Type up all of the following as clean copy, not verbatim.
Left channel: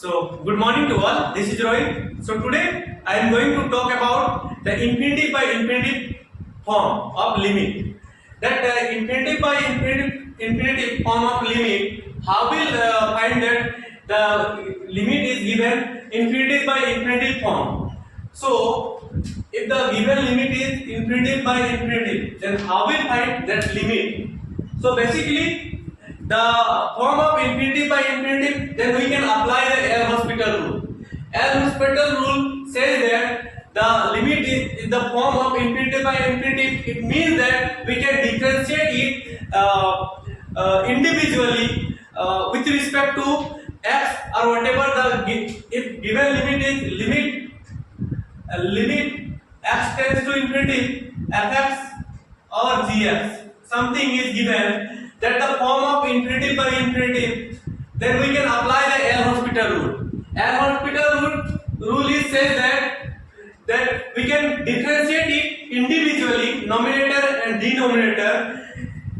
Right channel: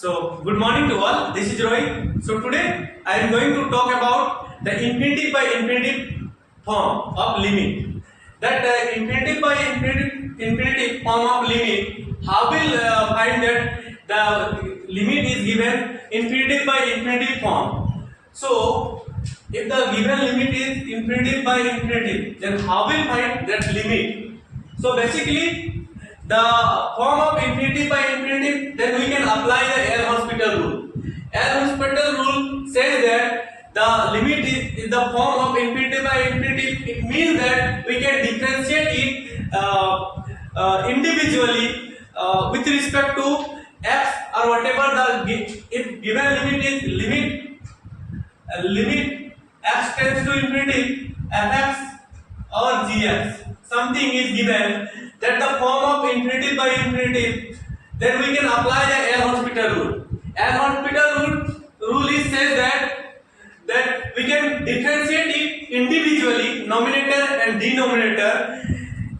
Good morning to all. This is Roy. So, today I am going to talk about the infinitive by infinitive form of limit. That infinitive by infinitive form of limit, how will find that the limit is given infinitive by infinitive form. So, if the given limit is infinitive by infinitive, then how will find that limit? So, basically, the form of infinitive by infinitive, then we can apply the L-Hospital rule. L-Hospital rule says that the limit is the form of infinitive by infinitive. It means that we can differentiate it individually with respect to x or whatever the if given limit is limit x tends to infinity fx or gx, something is given that the form of infinitive by infinitive, then we can apply the L-Hospital rule. L-Hospital rule is says that we can differentiate it individually, numerator and denominator,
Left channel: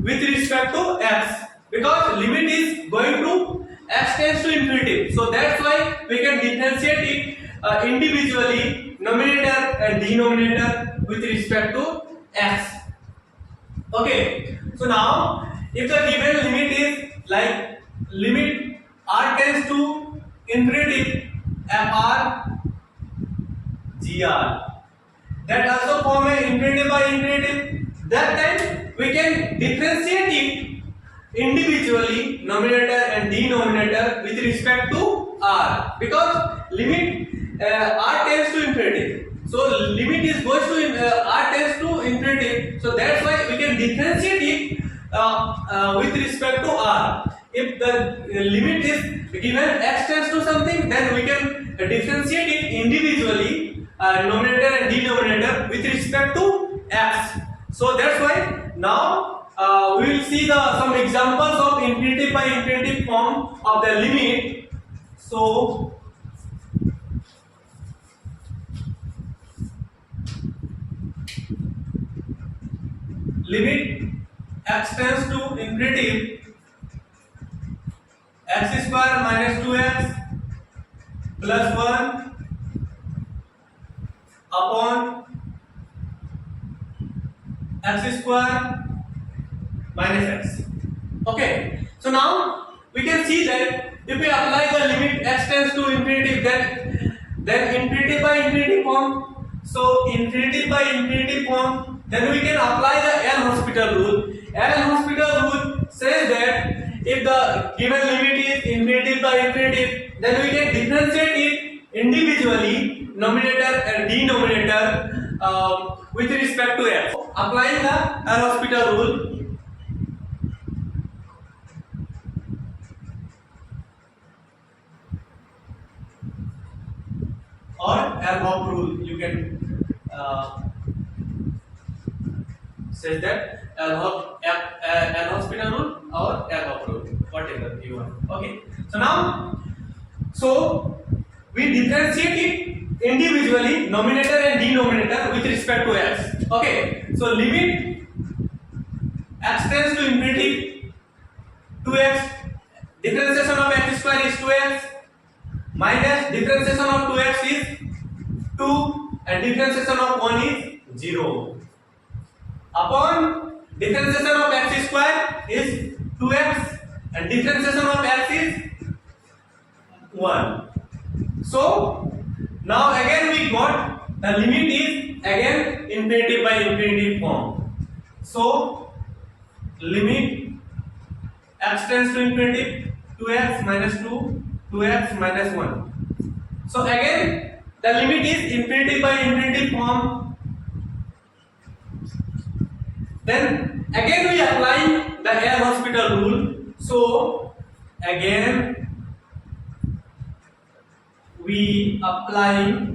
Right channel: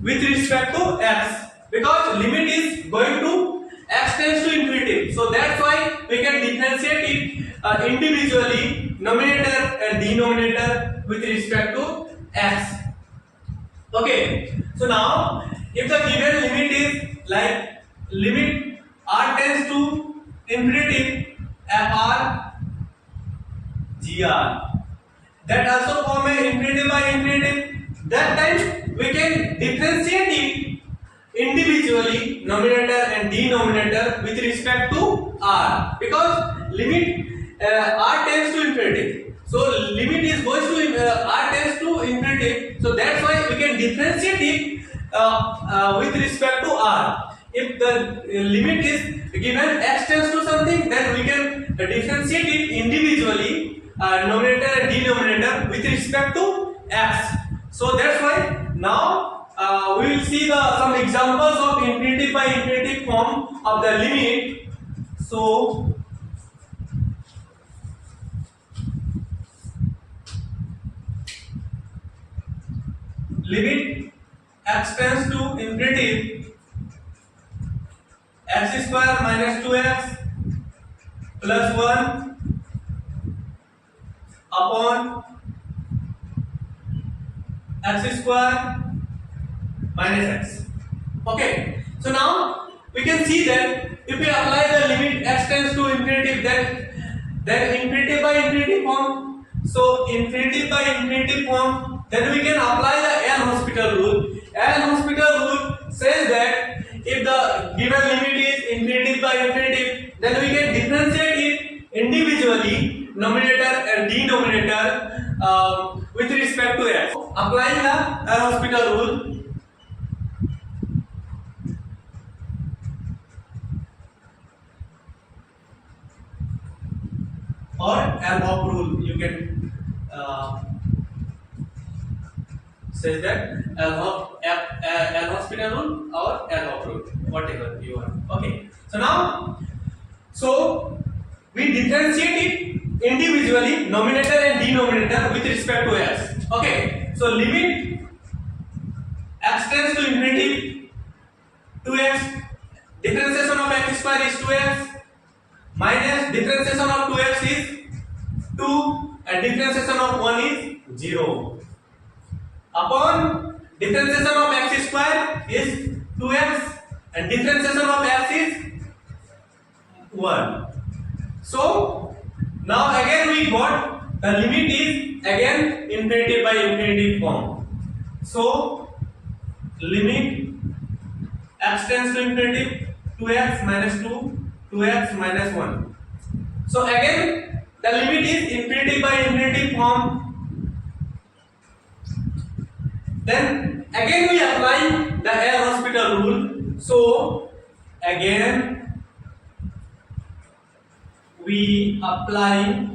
with respect to x, because limit is going to x tends to infinity. So that's why we can differentiate it individually, numerator and denominator, with respect to x. Okay, so now if the given limit is like limit r tends to infinity fr gr, that also form a infinitive by infinitive, that time we can differentiate it individually, numerator and denominator, with respect to r, because limit r tends to infinity. So limit is goes to r tends to infinity. So that's why we can differentiate it with respect to r. If the limit is given x tends to something, then we can differentiate it individually, numerator and denominator, with respect to x. So that's why now we will see some examples of infinitive by infinitive form of the limit. So limit x tends to infinitive x square minus 2x plus 1 upon x square minus x. Okay, so now we can see that if we apply the limit x tends to infinitive, then infinitive by infinitive form. So infinitive by infinitive form, then we can apply the L-Hospital rule. L-Hospital rule says that if the given limit is infinitive by infinitive, then we can differentiate it individually, numerator and denominator, with respect to x. Applying the L-Hospital rule, or L-Hop rule, you can says that L-Hospital rule or L-Hop rule, whatever you want. Okay, so now we differentiate it individually, numerator and denominator, with respect to x. Okay, so limit x tends to infinity 2x, differentiation of x square is 2x, minus differentiation of 2x is 2 and differentiation of 1 is 0, upon differentiation of x square is 2x and differentiation of x is 1. So now again we got the limit is again infinitive by infinitive form. So limit x tends to infinity 2x minus 2, 2x minus 1. So again the limit is infinitive by infinitive form. Then again we apply the L-Hospital rule. So again we apply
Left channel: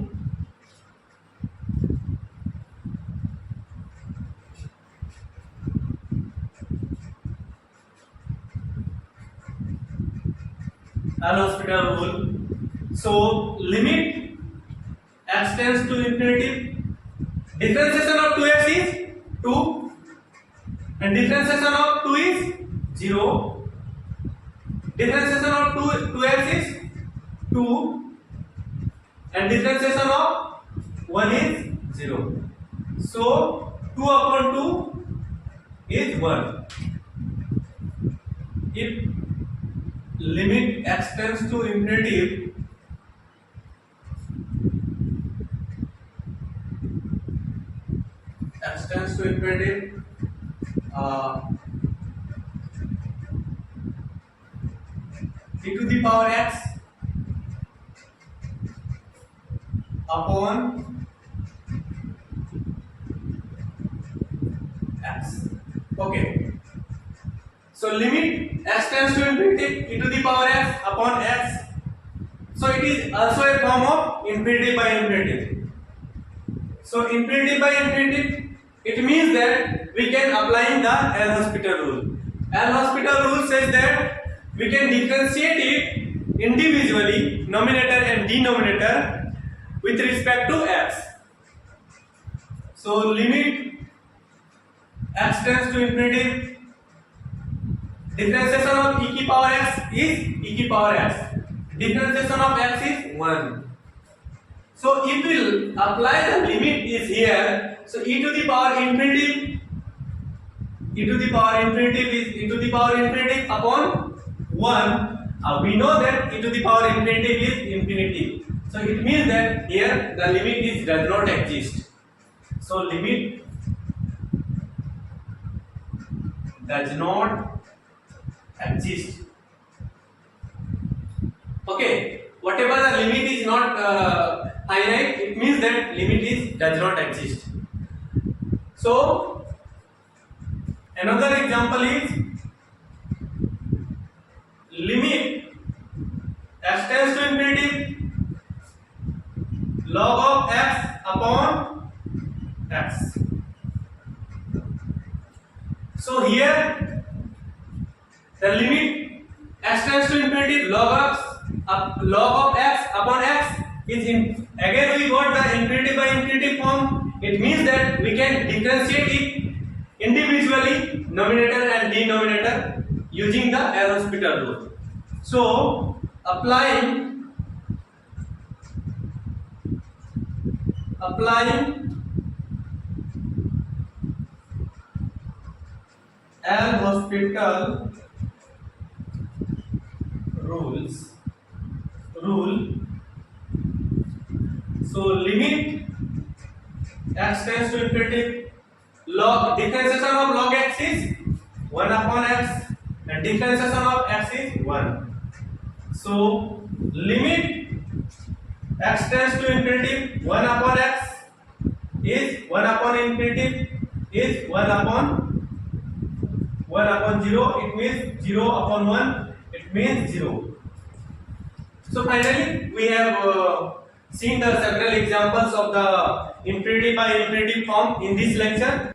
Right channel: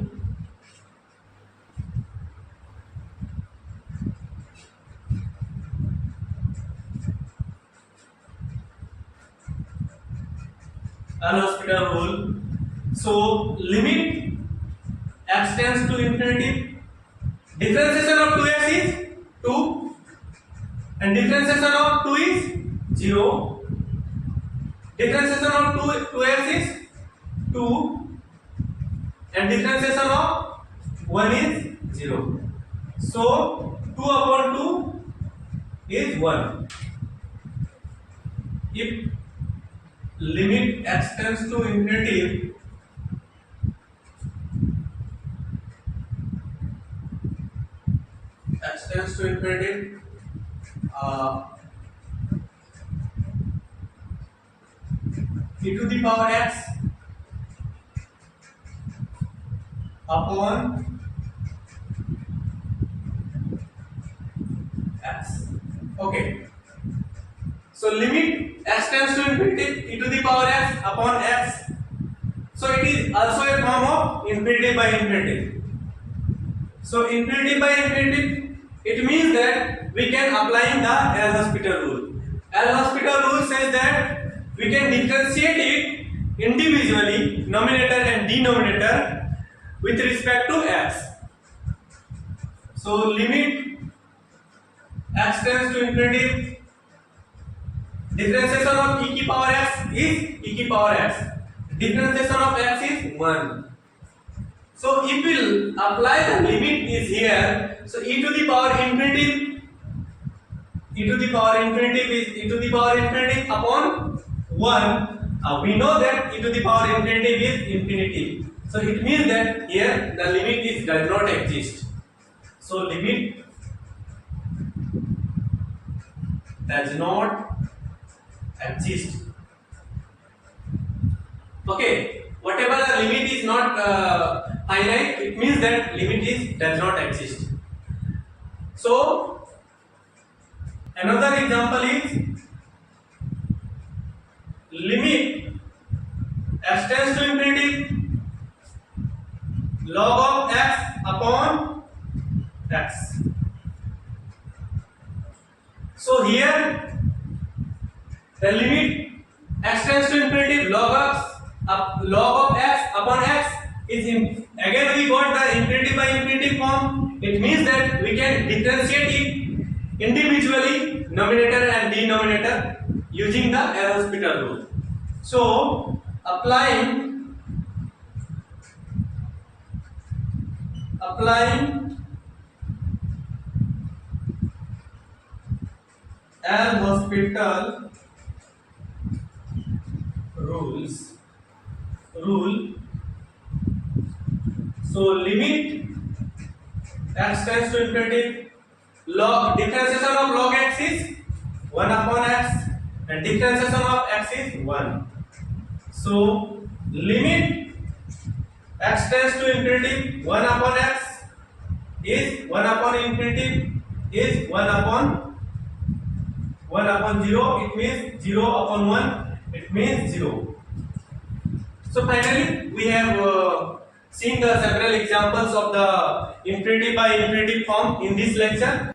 L-Hospital rule. So limit x tends to infinity, differentiation of 2x is 2 and differentiation of 2 is 0, differentiation of 2x is 2 and differentiation of 1 is 0. So 2 upon 2 is 1. If limit x tends to infinity, x tends to infinity, e to the power x upon x. Okay. So limit x tends to infinity, e to the power x upon x. So it is also a form of infinity by infinity. So infinity by infinity, it means that we can apply the L'Hospital rule. L'Hospital rule says that we can differentiate it individually, numerator and denominator, with respect to x. So limit x tends to infinity, differentiation of e की power x is e की power x. Differentiation of x is 1. So if we apply the limit is here, so e to the power infinity, e to the power infinity is e to the power infinity upon 1. We know that e to the power infinity is infinity. So it means that here the limit is does not exist. So limit does not exist. Okay, whatever the limit is not finite, it means that limit is does not exist. So another example is limit x tends to infinity, log of x upon x. So here the limit x tends to infinity, log of x upon x is again we got the infinity by infinity form. It means that we can differentiate it individually, numerator and denominator, using the L'Hospital rule. So applying L'Hospital rule. So limit x tends to infinity, differentiation of log x is 1 upon x and differentiation of x is 1. So limit x tends to infinity, 1 upon x is 1 upon infinity is 1 upon 0. It means 0 upon 1. It means 0. So finally we have seen the several examples of the infinity by infinity form in this lecture.